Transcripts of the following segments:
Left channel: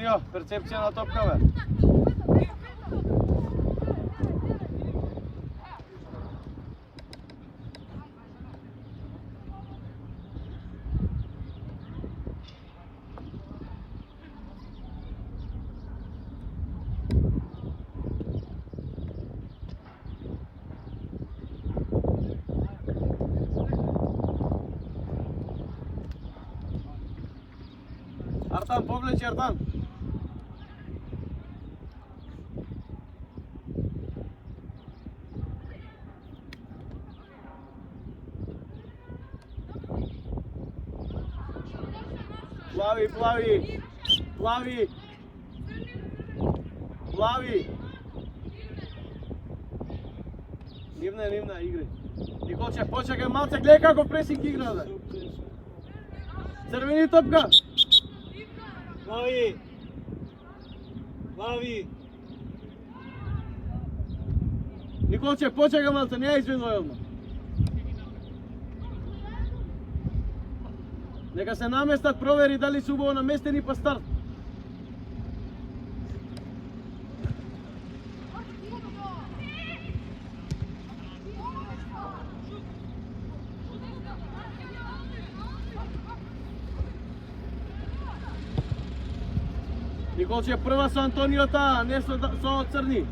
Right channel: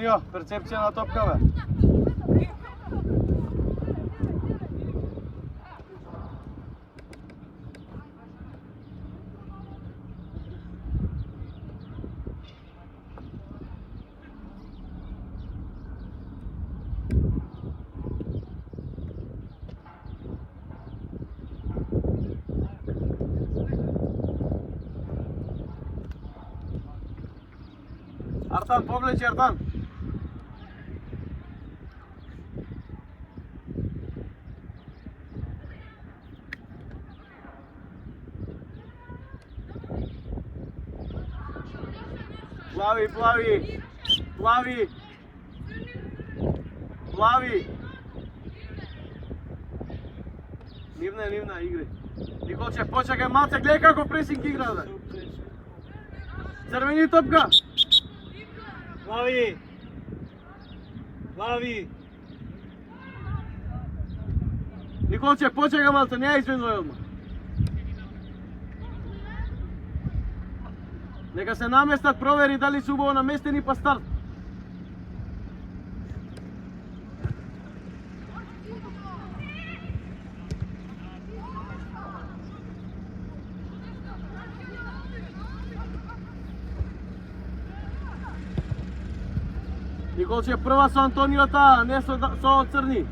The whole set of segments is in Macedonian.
Антонио, перцепција на топка, бе. Артан, повлечи Артан. Плави, плави. Плави. Плави. Нивна, игри. Николче, почекај малце, гледај како пресинг игра, бе. Црвени топка. Плави! Плави! Николче, почекај малце, не ја извинувај одма. Нека се наместат, провери дали се убаво наместени па старт. Николче, прва со Антониота, не со Црни.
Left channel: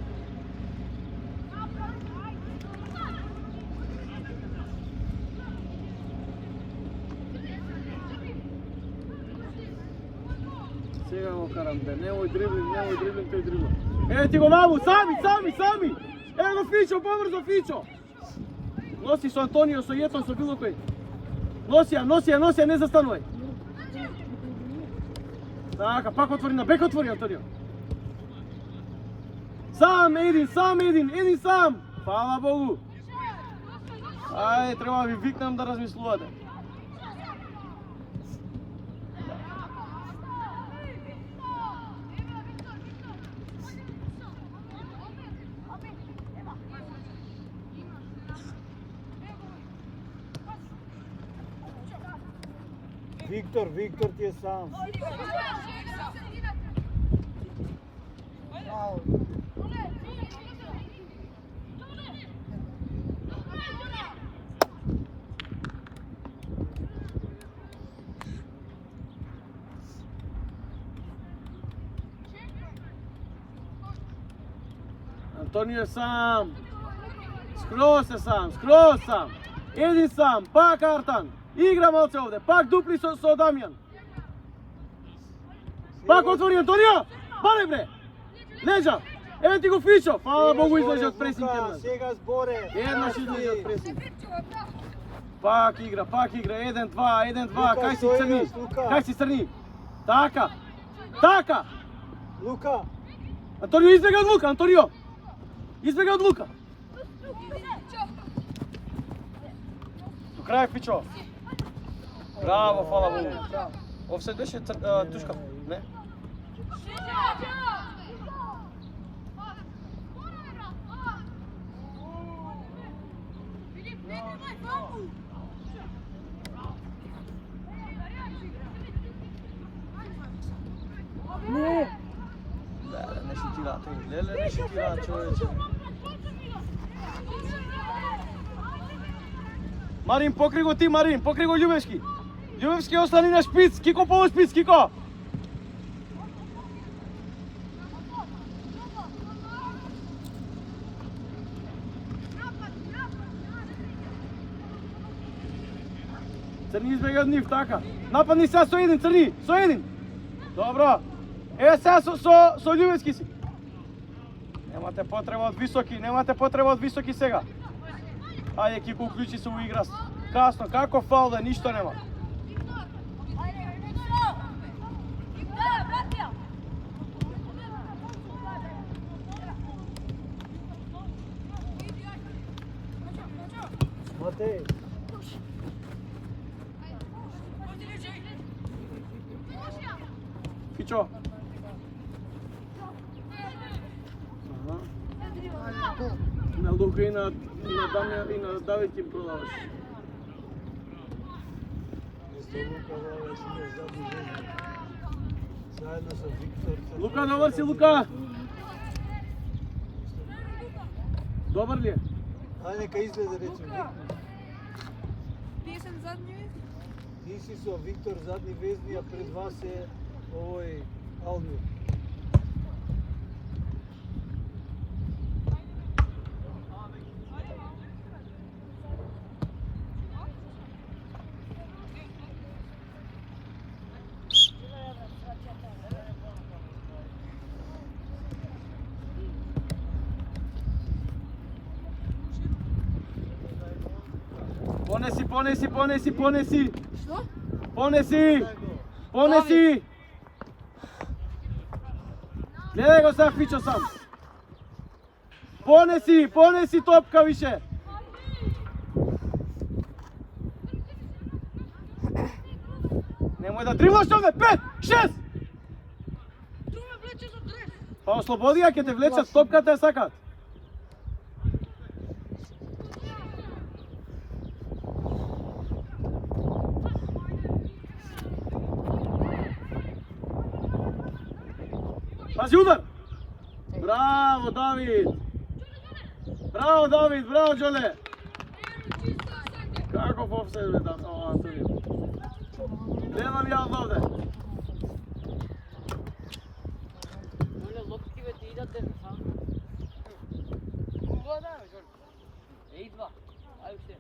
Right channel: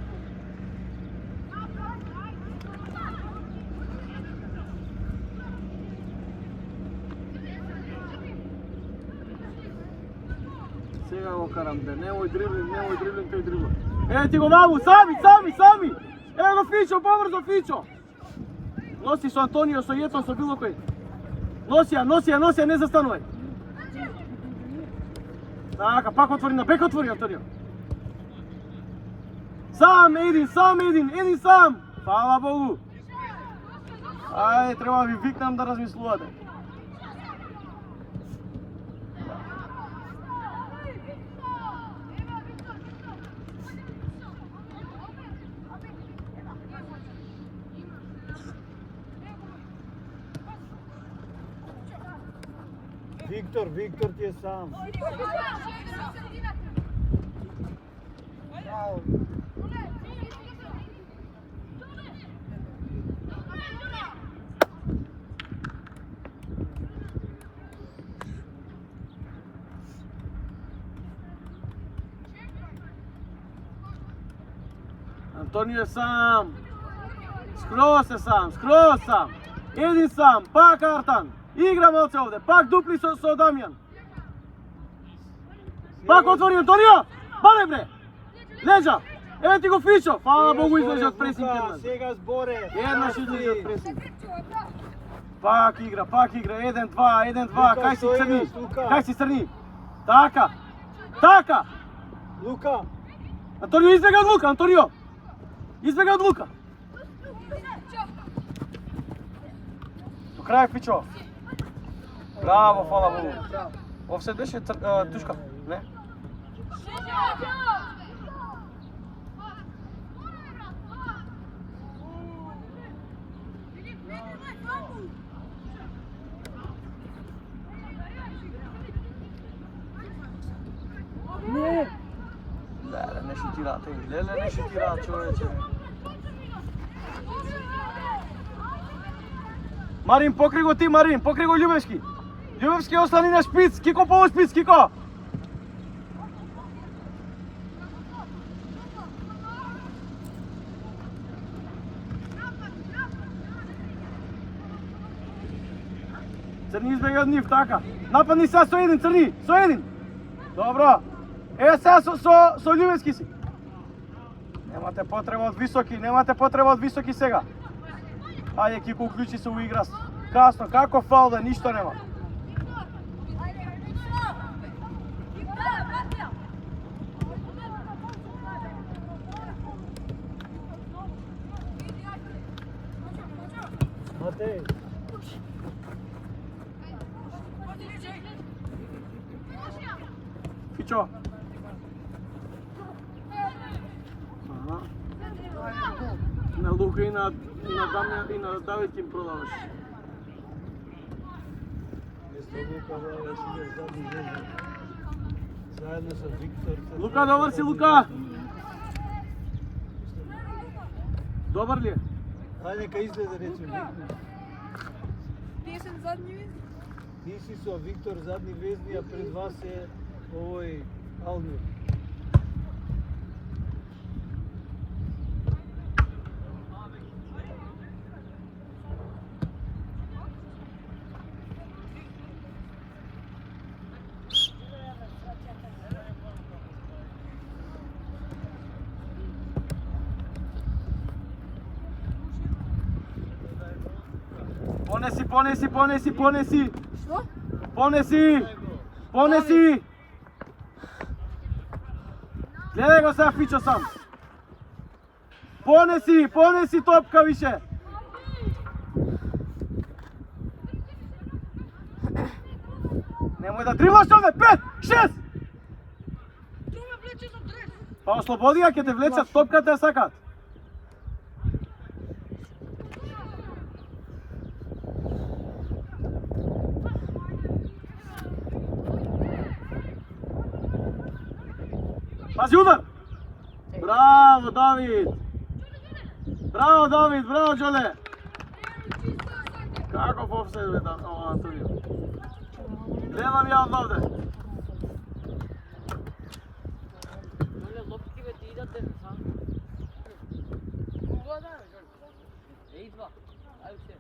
Сега го карам, бе, немој дриблинг, тој дриблинг. Еве ти го маму, сами! Ево го Фичо, побрзо Фичо! Носи со Антонио, со Јетон, со било кој. Носи ја, не застанувај. Така, пак отвори на бек, отвори Антонио. Сам, един сам! Фала Богу! Ајде, треба ви викнам да размислувате. Виктор ти е сам. Антонио е сам. Скроз е сам. Един сам, пак Артан. Игра малце овде, пак дупли со Дамјан. Пак отвори Антонио! Бале бре! Лежа! Еве ти го Фичо! Фала Богу, излезе од пресинг. Сега зборе. Еднаш излезе од пресинг. Пак игра, 1-2, кај си Црни? Така! Лука! Антонио избега од Лука, Избега од Лука! До крај Фичо! Браво, фала Богу! Офсет беше тушка? Не? Не! Не шутира, Леле не шутира, човече. Марин, покри го ти, Марин, покри го Љубевски. Љубевски остани на шпиц, Кико по шпиц, Кико. Црни избега од нив, така. Нападни сега со един, Црни, со един. Добро. Е, сега со Љубевски си. Немате потреба од високи сега. Ајде, Кико, уклучи се во игра. Касно, како фаул да ништо нема. Матеј. Фичо. На Лука и на Дамјан и на Давид им продаваш. Заедно со Виктор. Лука, добар си, Лука! Добар ли е? Ајде, нека изгледа речем. Тие се задни везни. Ти си со Виктор задни везни, а пред вас е овој Алмир. Понеси! Што? Понеси! Гледај го сега Фичо сам. Понеси топка више. Немој да дриваш овде, 5, 6! Тоа ме влече за дрес. Па ослободи ја, ќе те влечат топката ја сакат. Пази удар! Браво, Давид! Браво, Џоле! Каков офсайд бе тamo, Антонио? Гледам ја од овде. Оле лопки бе ти идате сам. Идва. Ајде.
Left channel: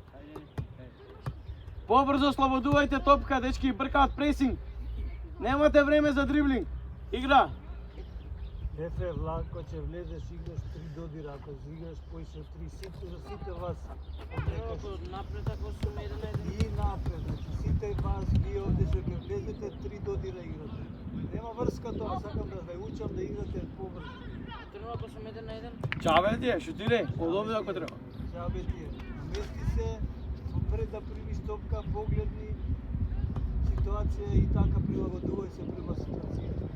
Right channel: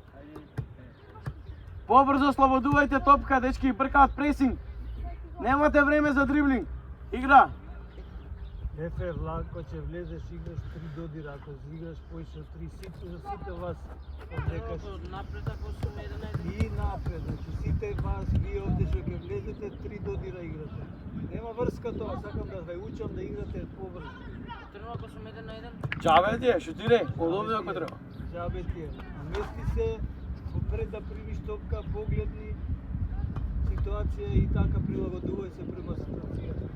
Побрзо слободувајте топка, дечки, бркаат пресинг. Немате време за дриблинг. Игра. Ефе, Влако, ќе влезеш, играш 3 додира, ако играш поише од 3 сите вас однекаш Напред ако сум еден. и напред, значи сите вас ги овде што ќе влезете 3 додира играте. Нема врска тоа, сакам да ве учам да играте побрзо. Трено ако сум еден на еден. Чаве ти е, шутире, од овде ако треба. Чабе ти е. Мести се, пред да примиш топка, погледни ситуација и така прилагодувај се према ситуацијата.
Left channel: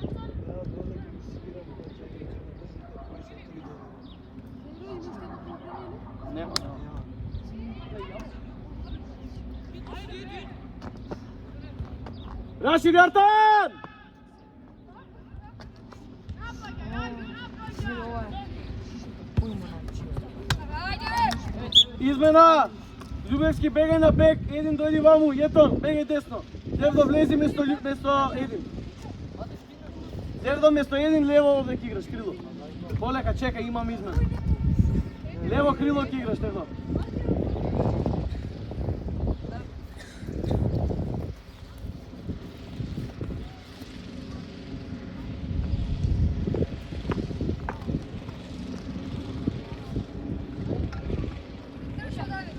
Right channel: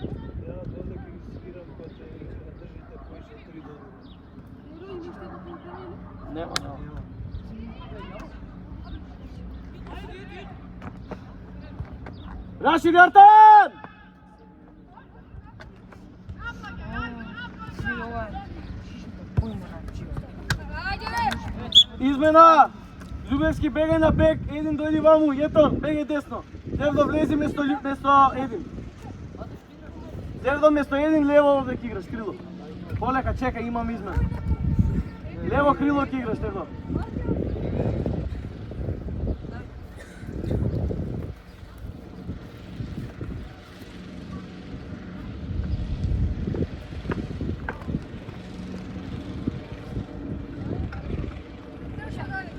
Ја додека ги свирам, па ќе надржите поише 3 додира. Нема. Нема. Рашид Артан! Си ова. Измена! Љубевски бегај на бек, един дојди ваму, Јетон, бегај десно. Девдо влези место един. Девдо место един, лево овде ќе играш, крило. Полека, чекај, имам измена. Лево крило ќе играш, Девдо.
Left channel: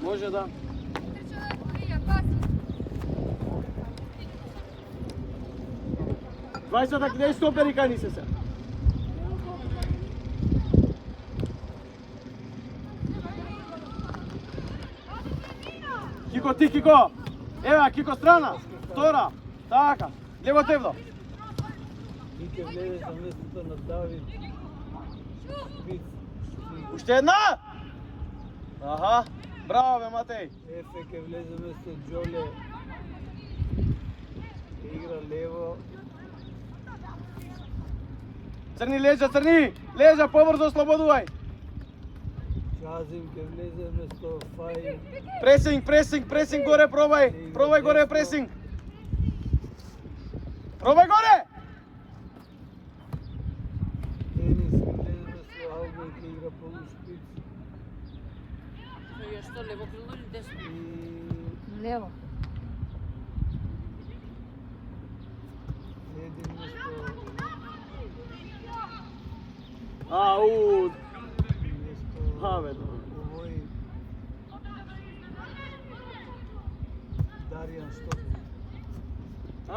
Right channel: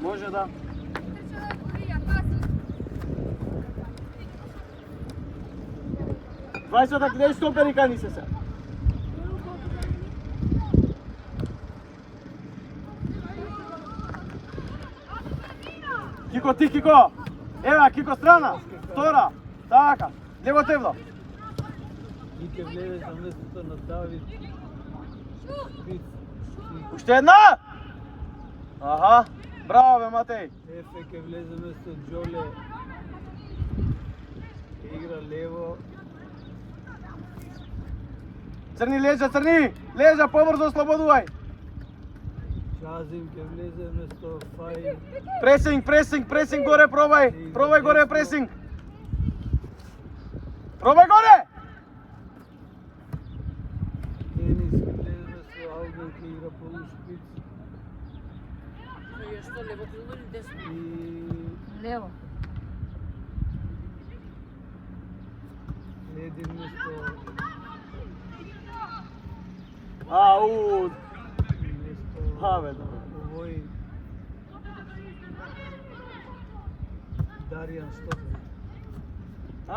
Може да. Двајцата каде стопери кани се се? Кико, ти Кико! Ева, Кико страна! Втора! Така! Лево Девдо! И ќе влезеш на местото на Давид. Шпиц. Уште една! Аха! Браво бе, Матеј! Ефе ќе влезе место Џоле. Игра лево. Црни леđа, црни! Леđа, побрзо ослободувај! Чазим ќе влезе место Фај. Пресинг горе, пробај! Пробај горе пресинг! Пробај горе! Денис ќе влезе место Албан, ќе игра полу шпиц. Ја што лево крило или десно? И Лево. един место Ау! место Абе, добро. овој Даријан Штопов.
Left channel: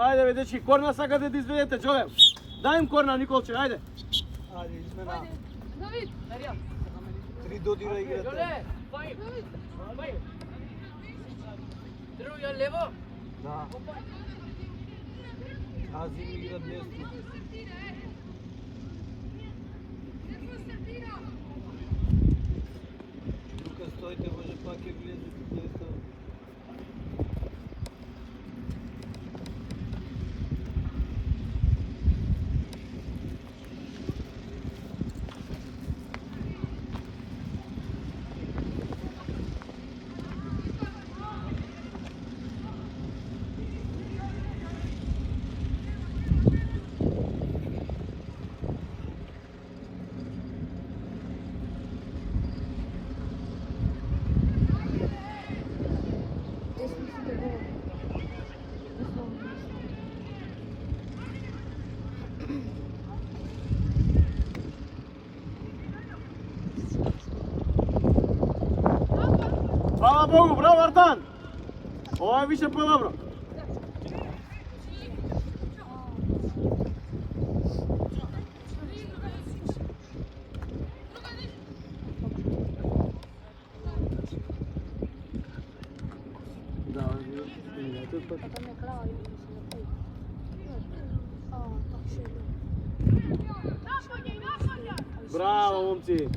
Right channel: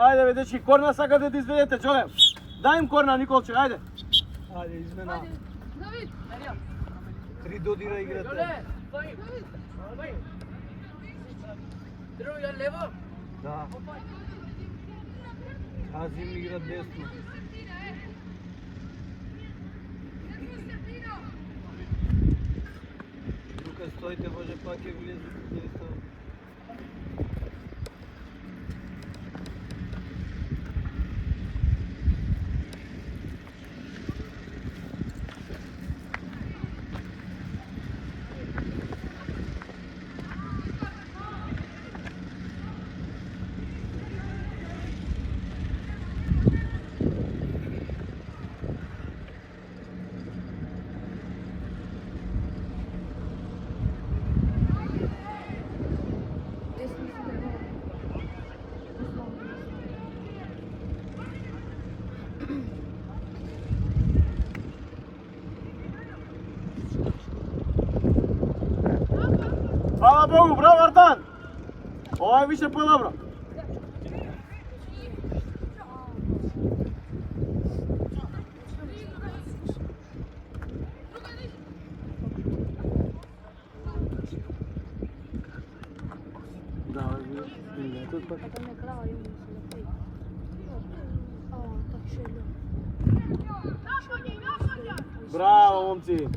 Ајде бе, дечки, корна сакате да изведете, Џоле! Дај им корна, Николче, ајде! Ајде, измена. Давид. Маријан. 3 додира играте. Јоле, фај. Фај. Трено ја лево. Да. Азим игра десно. Тука стоите, може пак ќе влезете десно. Мај више подобро. Браво, момци.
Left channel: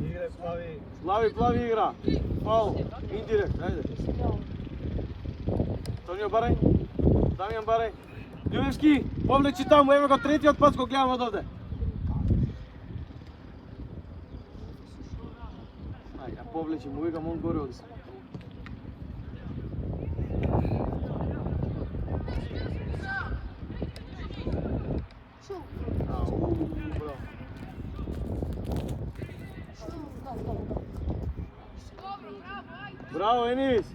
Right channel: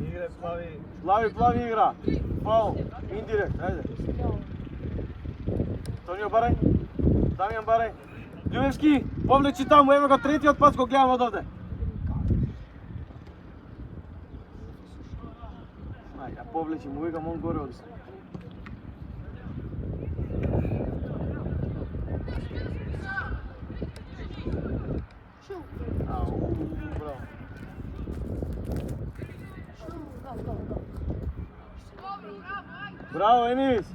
Игра Слави. Плави игра. Фаул. Индирект. Ајде. Тонио барај. Дамјан барај. Љубевски, повлечи таму, еве го третиот пат го гледам од овде. Ајде, повлечи, му викам он горе од. Браво, Енис!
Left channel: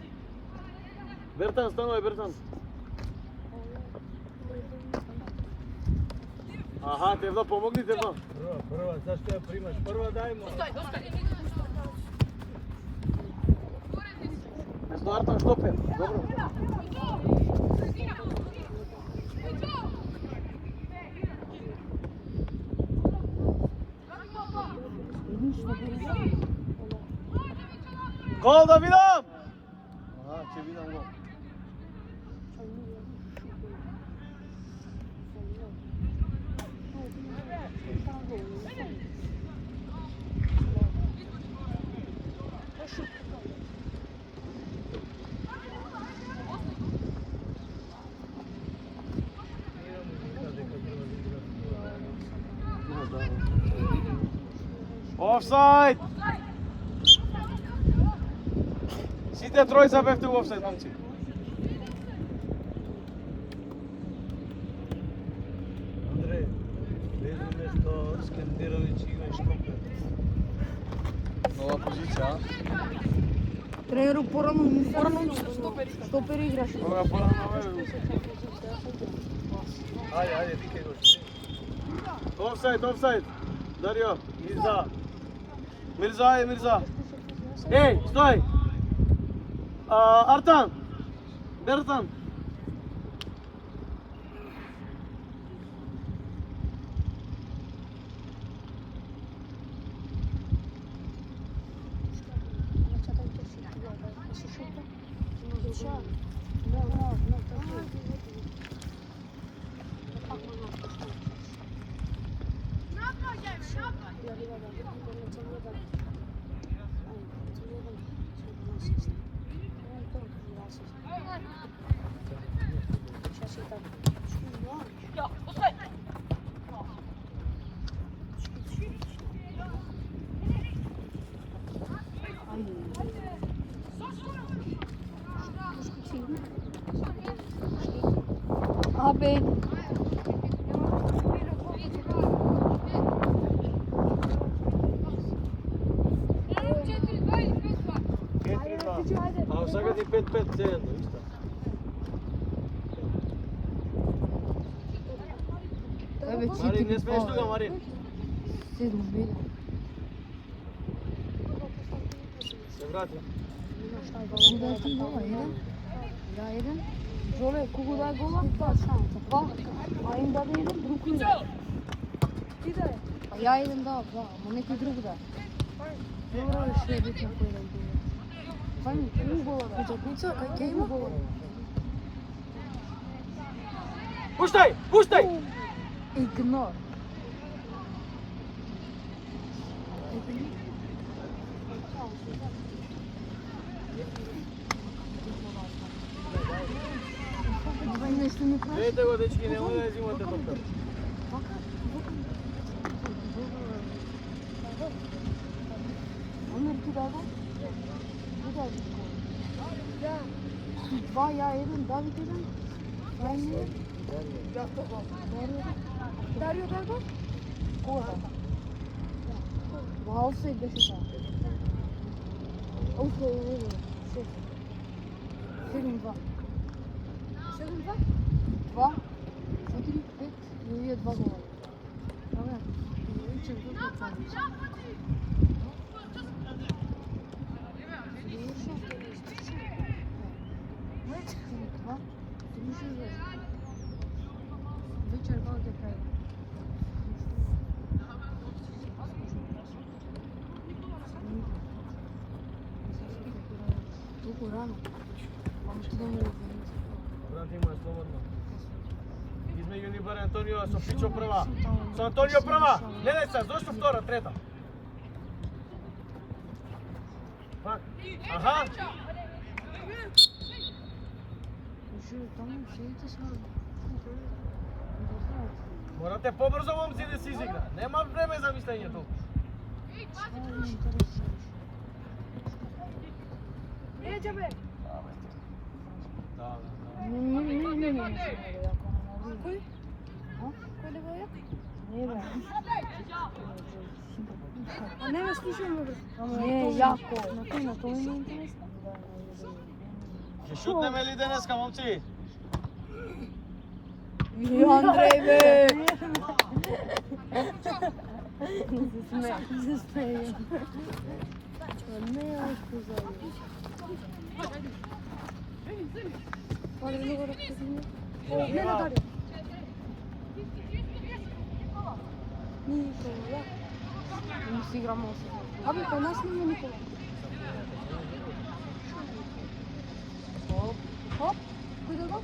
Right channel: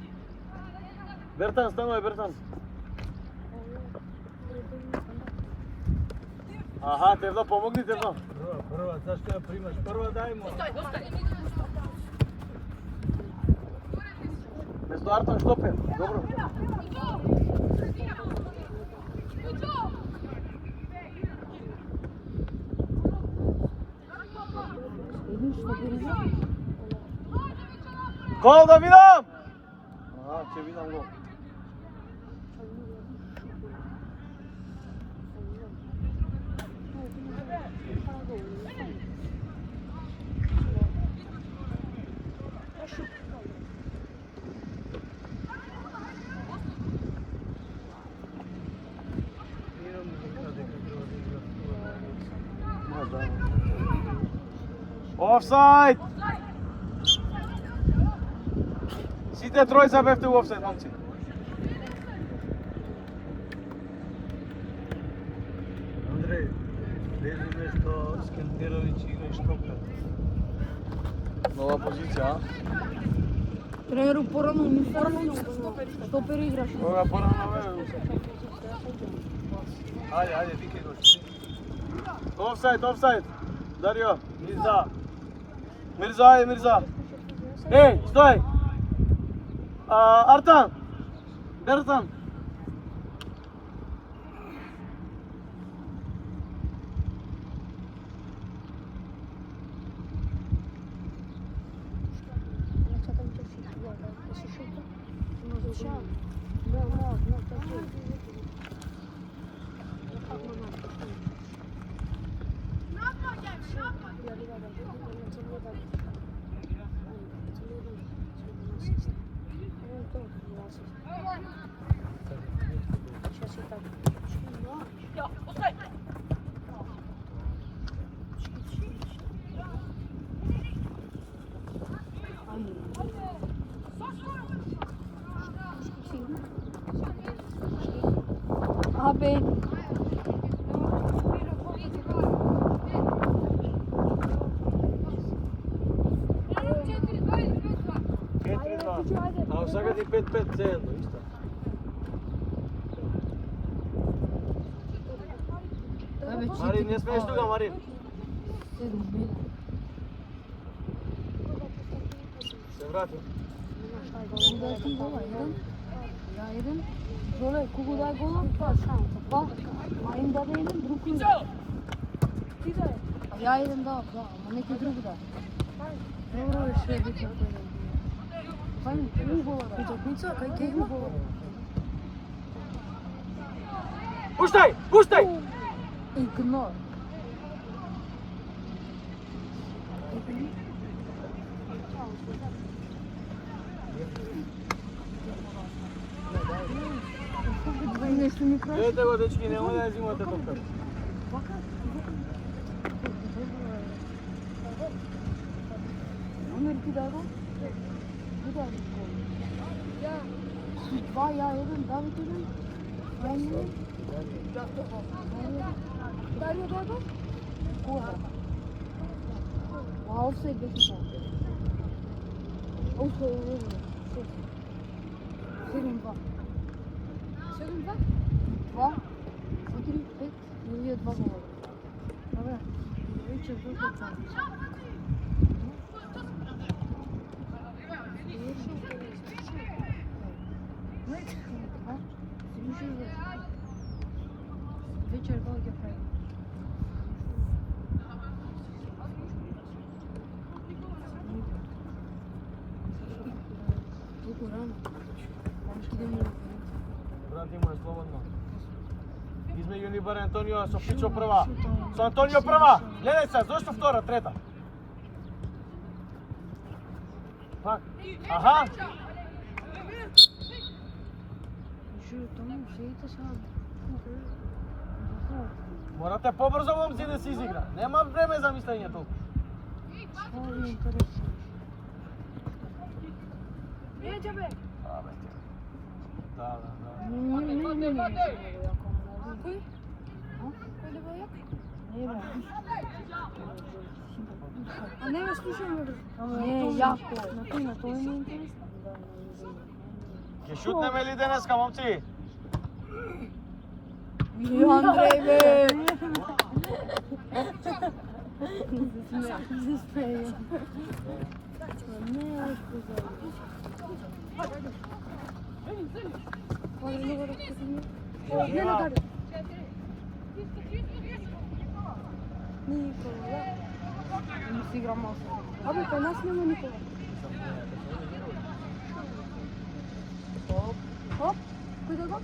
Бертан, станувај, Бертан. Аха, Тевно, помогни, Тевно. Прва, зашто ја примаш? Прва дај му. Место Артан Штопер, добро. Гол да видам! Ќе видам гол. Офсайд! Сите тројца бевте у офсайд, момци. Андре, види нешто Скендировиќ игра Штопер. Нова позиција, а? Тренеру порано униформа, стопер играш. Кога порано Ајде, викај го. Офсайд. Дарио, Мирза. Мирза. Ей, стој! Артан! Бертан! Абе. А сега ти 5-5 цејано, исто. Марин, не смееш тука, Марин. Се врати. Jedan. Jole, kogu da gola? Dva. Marim da jedan, drugi jedan. Ja jedan dao, dva, a neki drugi da. Dobro je sve bitno to jedan bio. Sami, koji gola? Kada kuca, kaj te gola? Пуштай! Игнор. Нещо ми прави. Ете го, дечки, нема да ја взимате топка. Умер ти да го? Два, ја еден, Давид еден. Ајме. Дарио да го? Кога да? Ва офсайд беше там. Офсайд еден. 7-2. 2, 4, 5, и овие 2 гола. Добре, се вдруга там. Вечер как ќе прави? Толку рано. Ама што да му Брат, имаш слободно. Измеѓу ни бар Антонио со Фичо прва. Со Антонио прва. Гледај се, зошто втора, трета? Пак. Аха. Жу, таму седите сега. Морате побрзо момци да се изигра. Нема време за мислење толку. Што ми интересира? А не ме слушай, Не, јако. На кој на тоа ми е интересно. Ќе шутнеме ли денеска, момци? Андреј, бе! Se smeje. Не, ајко Не нададе. Никола. Не си игра маса. Абе, кај нас нема Никола. Оп, кој да го?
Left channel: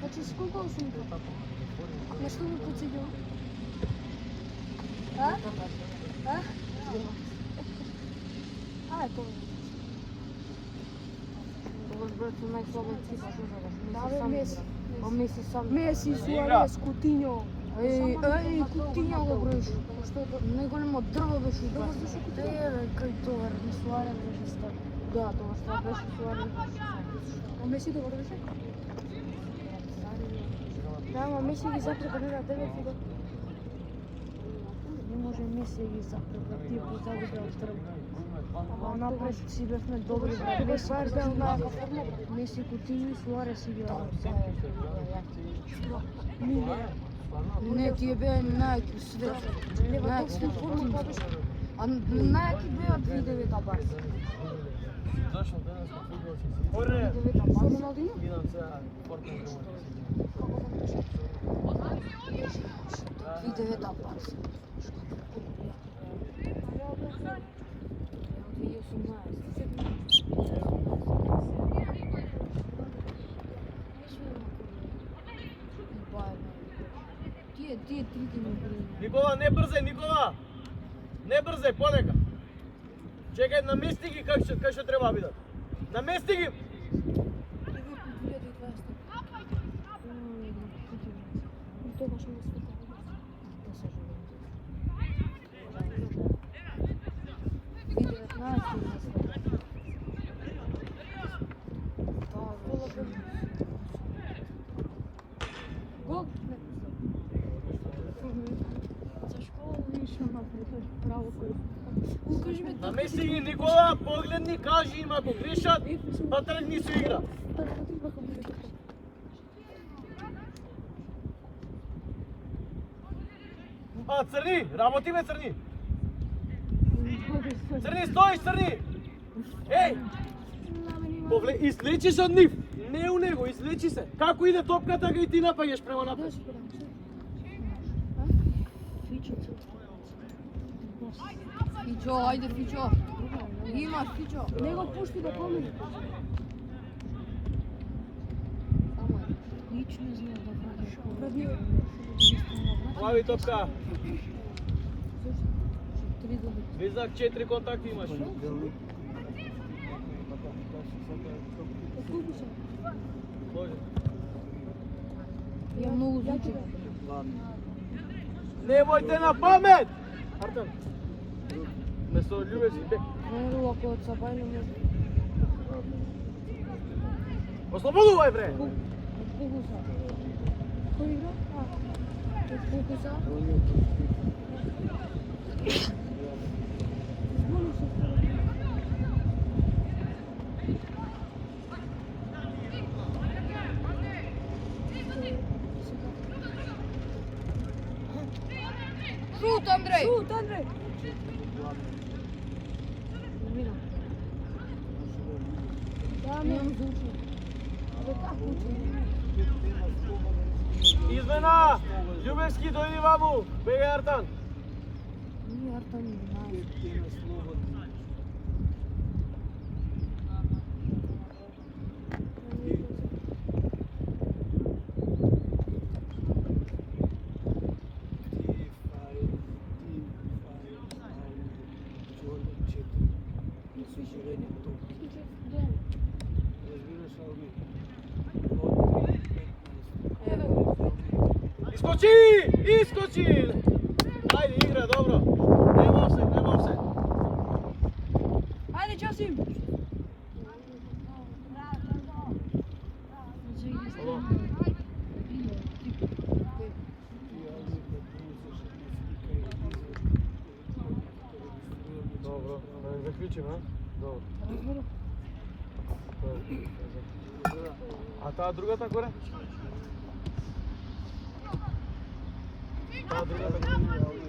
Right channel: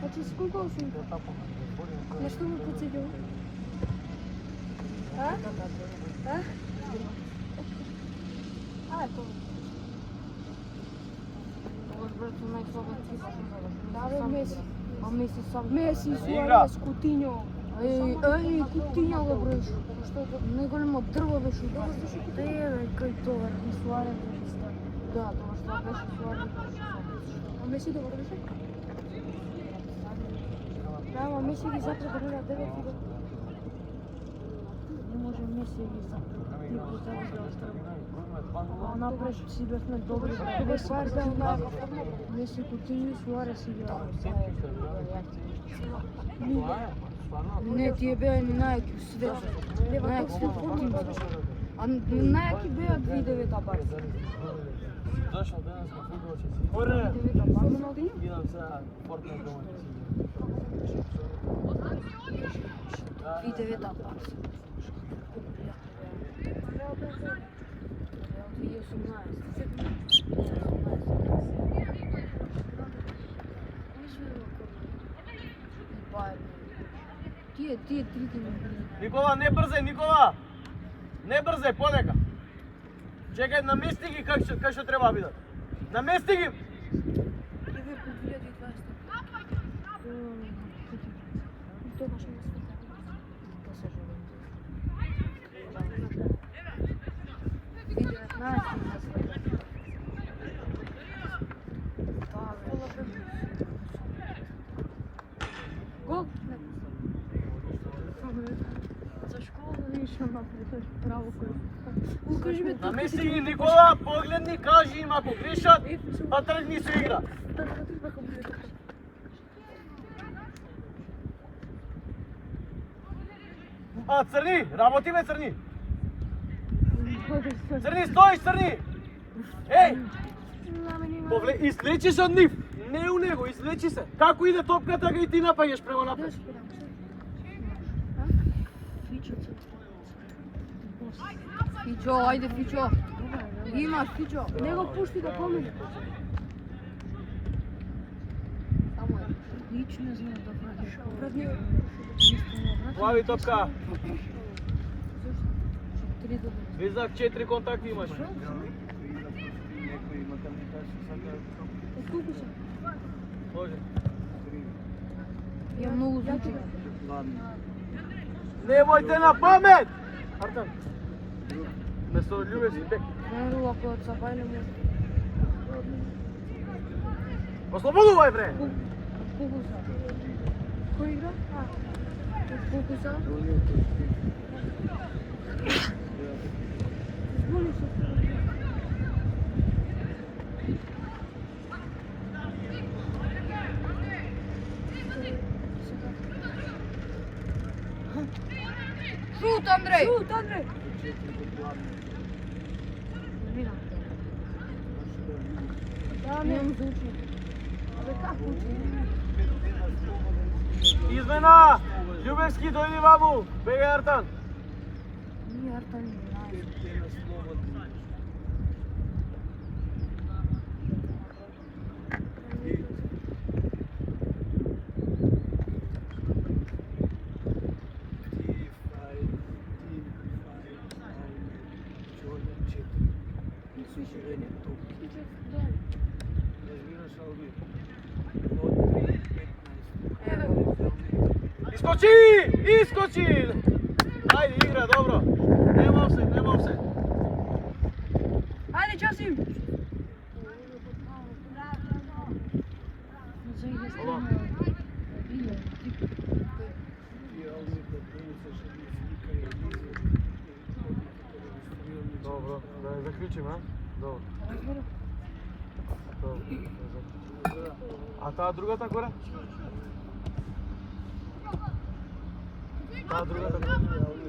Значи, сколку осум? На што ме подсетил? А? А? А, ето. Да, бе, Меси. А Меси сам. Меси, Суарес, Кутиньо. Кутиньо го броиш. Не големо дрво беше. Добро беше Кутиньо. Кај тоа, и Суарес беше стар. Да, тоа што беше Суарес. А Меси добро беше? Да, ама Меси ги затребалира 9 години. Не може Меси ги запрека. Тие пута да бе оттребали. А напред си бевме добри. Без парда, Меси, Кутиньо, Суарес играа. Не, тие беа најаки свет. Најаки свет Кутиньо. А најаки беа видовите барси. Зошто денеска футбол ќе се игра? Видовите барси. Роналдино? Идам сега Фортнайт да се игра. Видовите барси. 2018. Тие трите ми бри. Никола, не брзај, Никола! Не брзај, полека! Чекај, намести ги как што треба да бидат. Намести ги! Ливерпул 2020. И тоа баш не се. Гол? За школа вишо напред, право кој. Укажи ме тука. Намести ги, Никола, погледни, кажи им ако грешат, па тргни се игра. А, Црни, работи бе, Црни! Црни, стоиш, Црни! Еј! Излечи се од нив! Не у него, излечи се! Како иде топката, га и ти напаѓаш према напред. Фичо, ајде Фичо. Имаш Фичо. Не го пушти да помине. Само лично знае да правиш. Пред него. Плави топка. 3 доби. Визак 4 контакти имаш. Отколку се? Може. Ја многу звучи. Немојте на памет! Место Љубевски бек. Не рула кој од Сабајле може. Ослободувај, бре! Фокуса. Кој игра? Фокуса. Збуни се. Шут, Андрей! Шут, Андрей! Да, Немам звучи. Абе, како учи? Измена! Љубевски дојди ваму. Бега Артан. Не, Артан не знае. Искочи! Искочи! Ајде, игра, добро. Нема офсайд, нема офсайд. Ајде, Часим! Добро, да заклучиме, добро. А таа другата горе? Таа другата горе.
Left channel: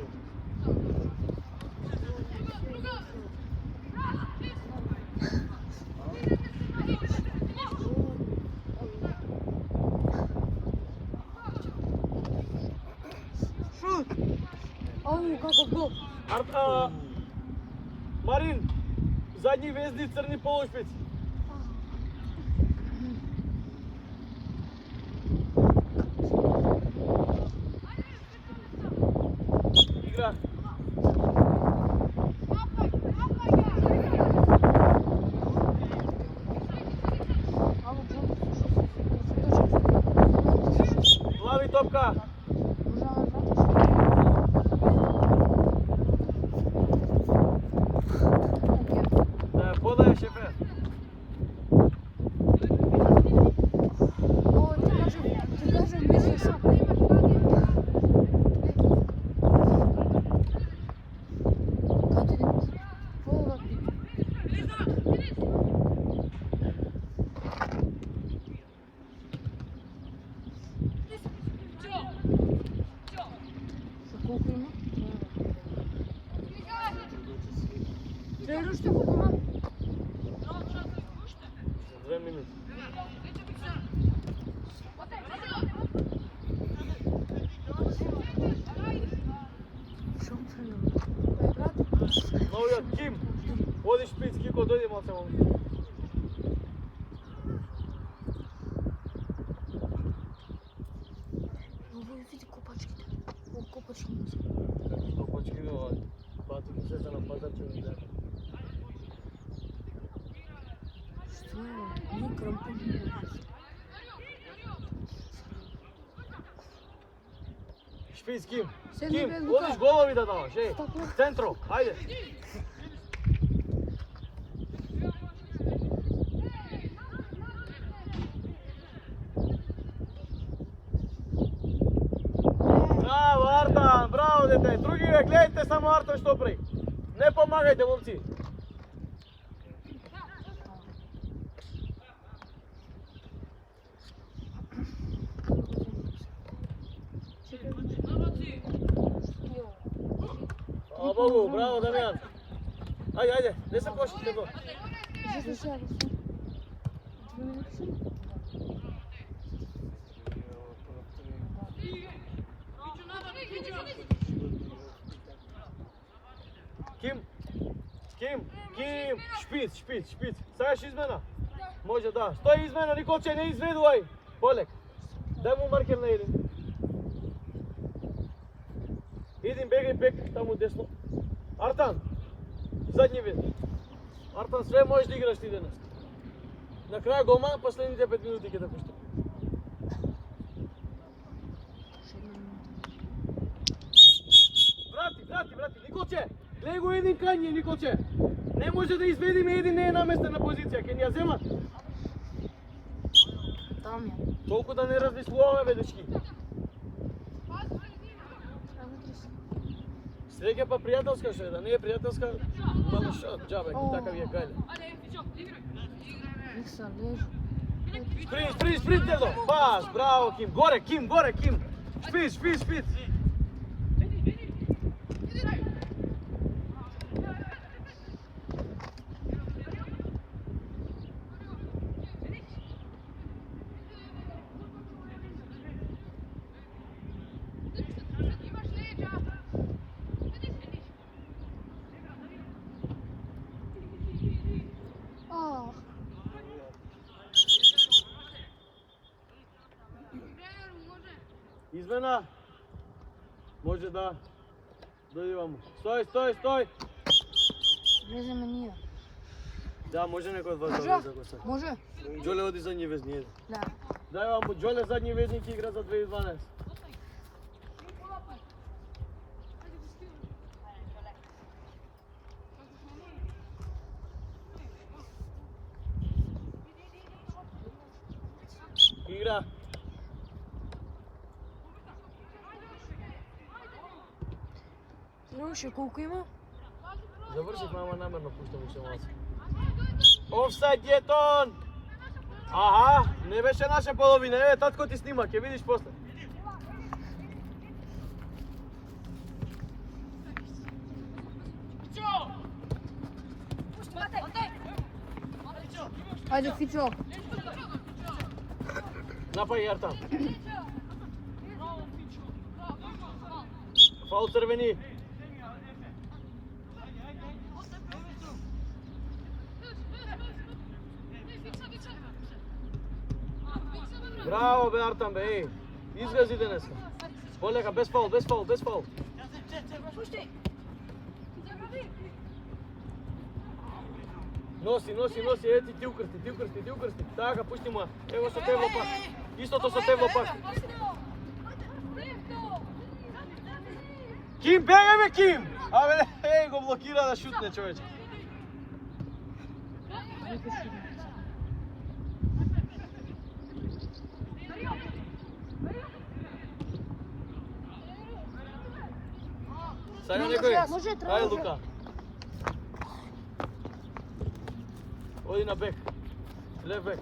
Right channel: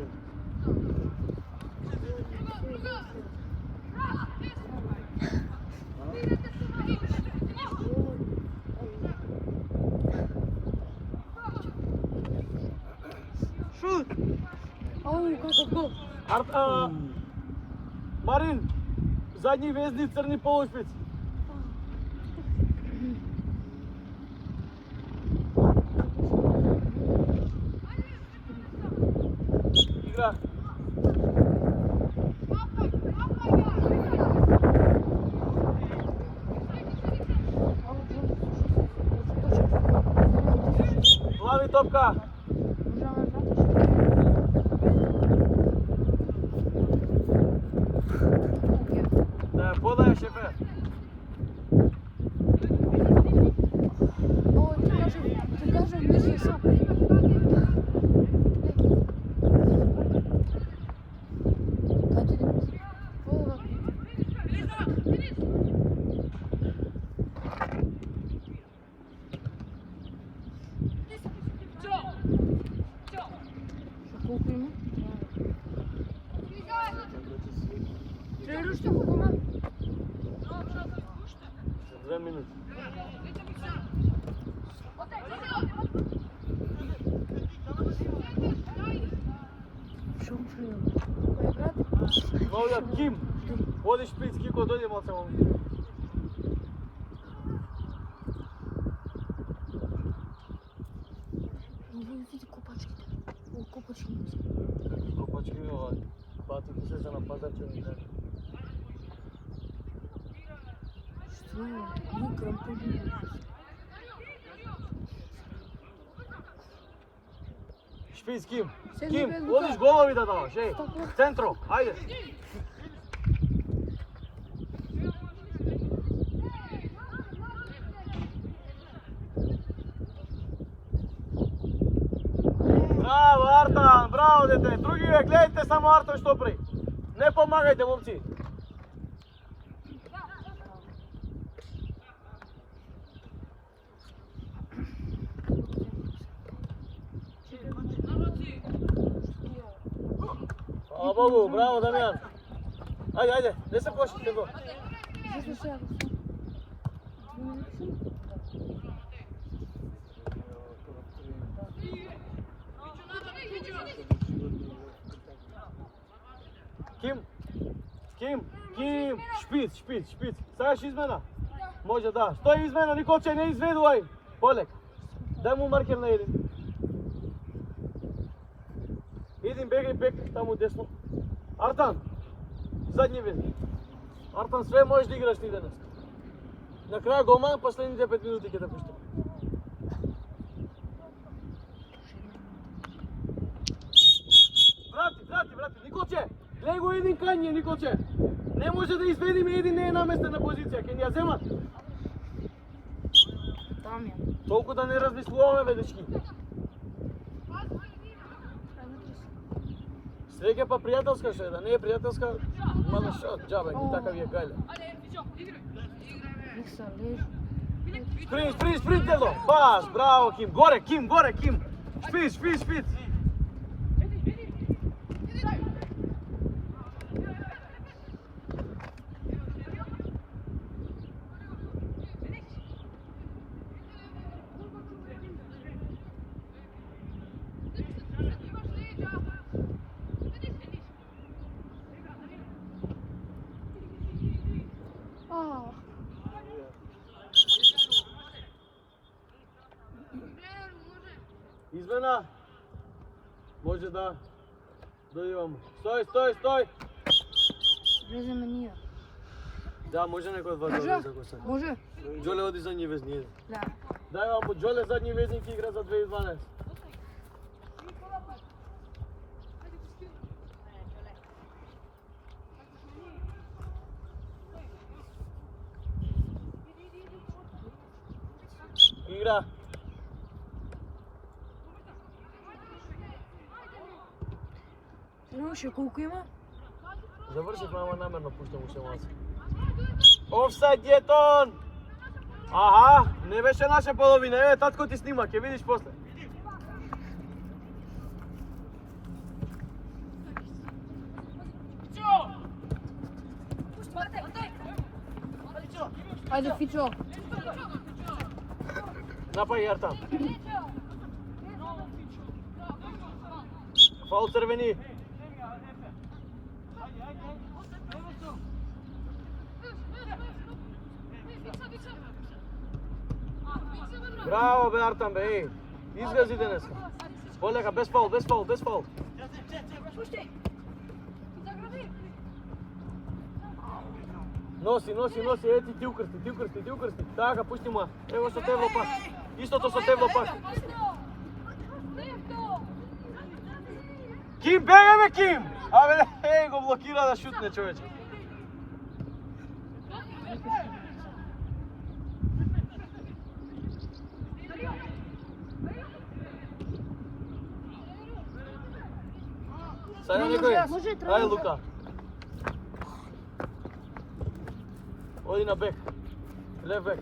Шут! Ау, каков гол! Марин, задни везни, црни полушпиц. Игра. Лави топка. Подај шефе. За минути. Новиот Ким. Водиш шпиц, Кико, дојдемо од само. Копачки ова. Бату му сета на пазарче. Шпиц, Ким. Седни Ким, без водиш лука. голови да даваш, еј. Центро, ајде. Браво, Артан, браво, дете. Други ве, гледайте само Артан што прави. Не помагајте, момци. Хвала Богу, браво, Дамјан. Ајде, ајде, не се плашите го. Ким, шпиц, шпиц, шпиц. Сакаш измена? Може да. Стои измена, Николче, не изведувај. Полек. Дај му маркер на Един. Един, бегај бек, таму десно. Артан, задни вез. Артан, све можеш да играш ти денес. На крај голман, последните 5 минути ќе да пушти. Врати, Николче! Гледај го Един кање, Николче! Не може да изведиме, Един не е наместен на позиција, ќе ни ја земат. Там е. Толку да не размислуваме, бе, дечки. Среќа па пријателска ше, да не е пријателска, мала шот, џабе, ни така ви е гајле. Никса, лежи. Спринт, Дело! Пас, браво, Ким! Горе, Ким! Шпиц! Измена. Може да имам. Стој. Влеземе ние. Да, може некој од вас Може? да влезе ако сака. Може? Джоле оди задни везни. Да. Дај вам по Джоле задни везник игра за 2012. Игра. Имаше колку има? Завршив, ама намерно пуштам уште малце. Офсайд Гетон! Аха, не беше наша половина. Еве, татко ти снима, ќе видиш после. Ајде, Фичо. Напај Јарта. Фаул црвени. Браво бе Артан бе, еј. Изгази денес. Полека, без фаул. Носи, ети ти укрсти. Така, пушти му. Ево со Тевло пак. Истото со Тевло пак. Ким, бегај бе Ким! Абе, го блокира да шутне човече. Сајде некој. Може, треба. Ајде Лука. Оди на бек. Лев бек.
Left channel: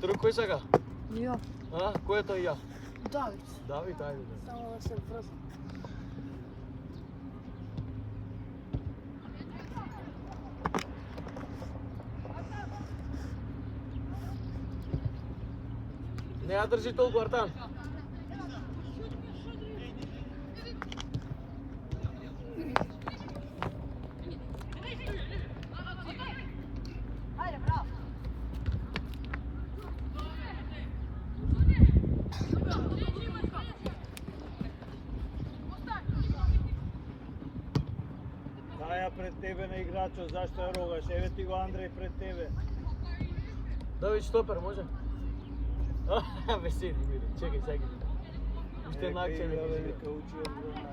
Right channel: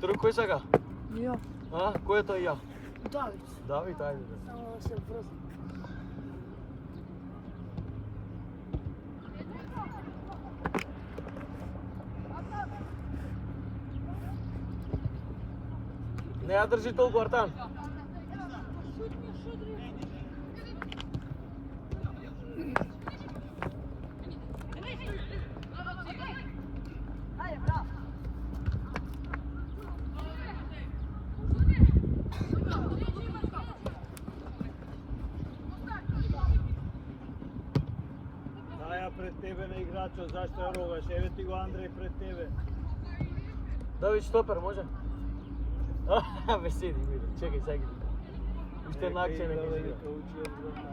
Друг кој сака? Ја. А? Кој е тој ја? Давид. Давид, ајде. Само да се врзам. Не ја држи толку Артан. Даја пред тебе на играчот, зашто ја рогаш? Еве ти го Андреј пред тебе. Давид штопер, може? Бе седи, чекај, чекај. Уште една акција не Еве, кажи. учи од време.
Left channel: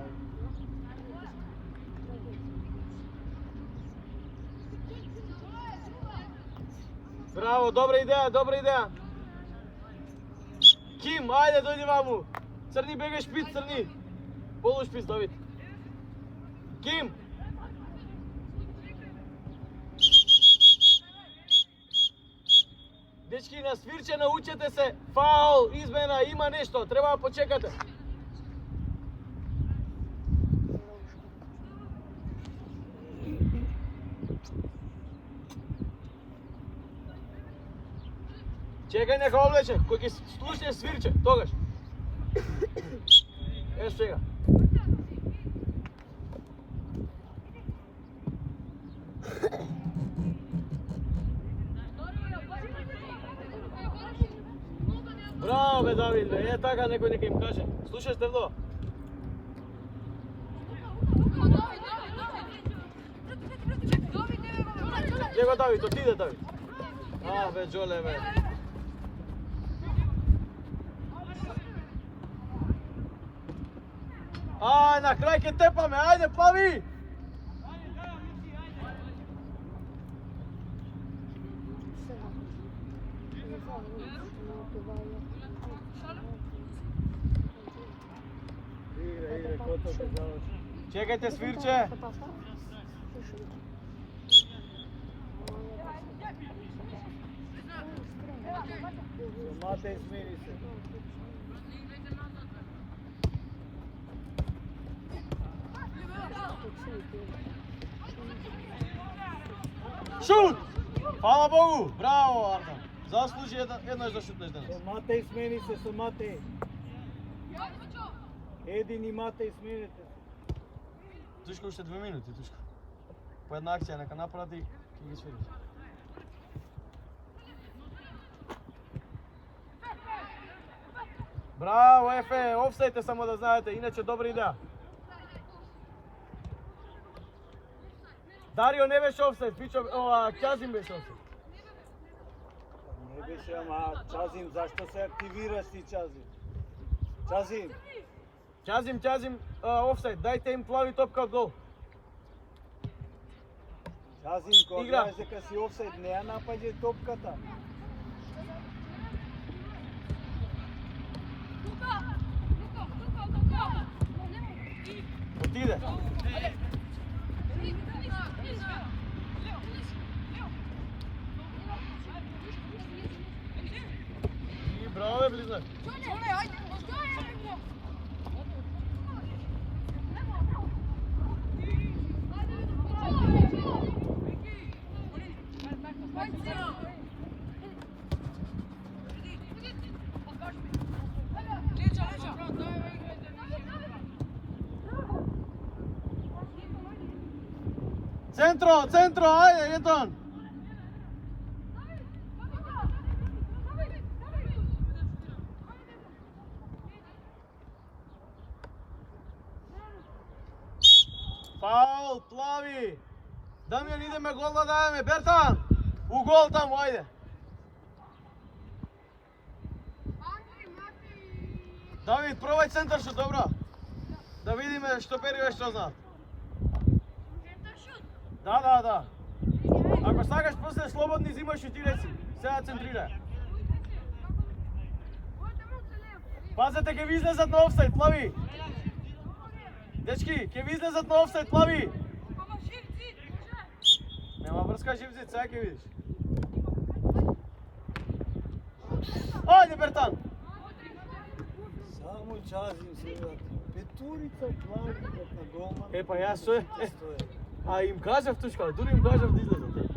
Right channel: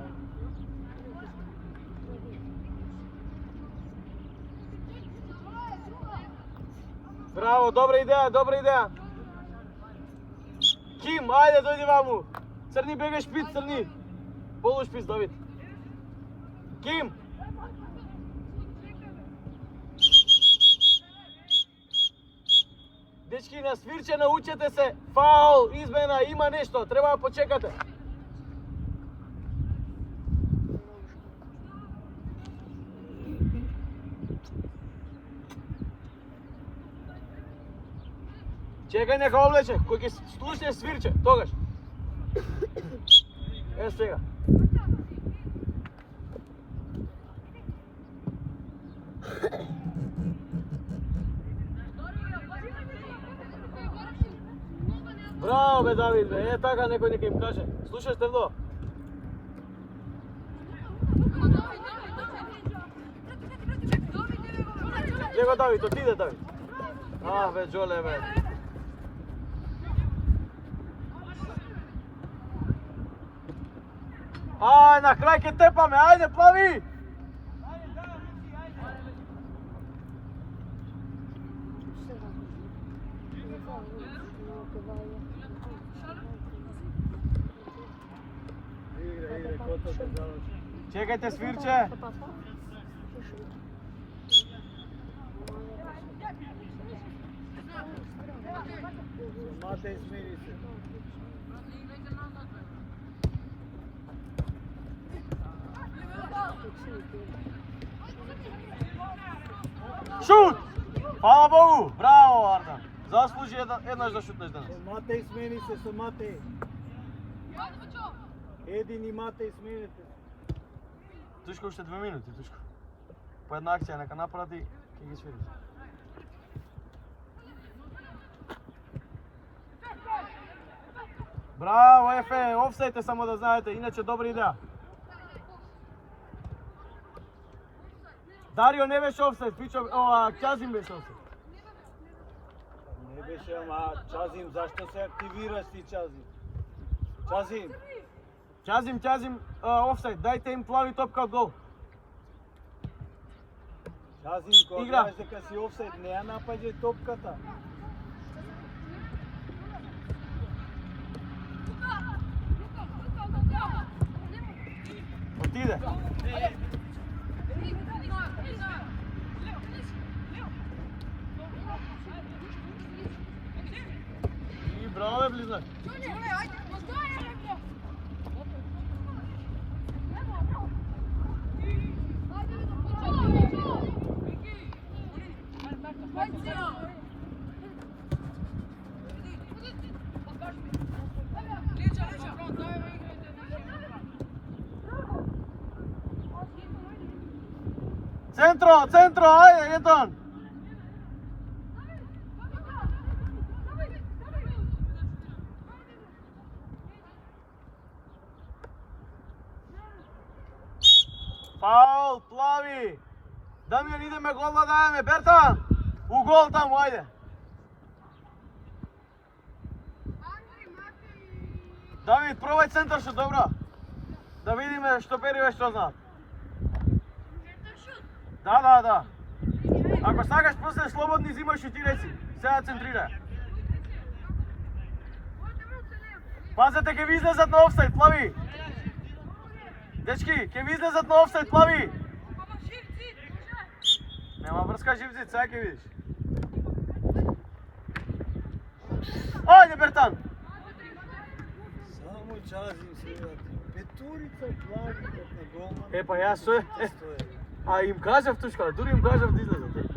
Браво, добра идеја. Ким, ајде дојди ваму. Црни бегаш шпиц, црни. Полу шпиц, Давид. Ким. Дечки, на свирче научете се. Фаул, измена, има нешто. Треба да почекате. Чекај нека облече, кој ќе слушне свирче, тогаш. Еш сега. Браво бе Давид, бе, е така некој нека им каже. Слушаш Тевло? Него Давид, отиде Давид. А, бе, Джоле, бе. Ај, на крај ќе тепаме, ајде, плави! Игра, кота се заврши. Чекајте свирче. Матеј, смири се. Шут! Фала Богу! Браво, Арна! Заслужи еднаш да шутнеш денес. Со Матеј, смени се со Матеј. Един и Матеј, сменете се. Тушко уште 2 минути, Тушко. По една акција нека направи Ки ги свириш. Браво, Ефе, офсайд е само да знаете, иначе добра идеја. Дарио не беше офсайд, Ќазим беше офсайд. Не беше, ама Чазим, зашто се активираш ти Чазим? Чазим, Ќазим, офсайд, дајте им плави топка од гол. Чазим, кога Игра. гледаш дека си офсайд, не ја напаѓај топката. Отиде. И браво е близнак. Центро, ајде, Етон. Фаул, плави. Дамјан, идеме гол да даваме. Берта, у гол таму, ајде. Давид, пробај центар шут, добро. Да видиме што бериве, што знаат. Да. Ако сакаш после слободни зимаш и ти реци. Сега центрирај. Пазете, ќе ви излезат на офсайд, плави. Дечки, ќе ви излезат на офсайд, плави. Нема врска живцит, сега ќе видиш. Ајде, Бертан. Само Чазим се врати. Петурица плави на голман. Па јас што е? А им кажав тушка, дури им кажав да излезат.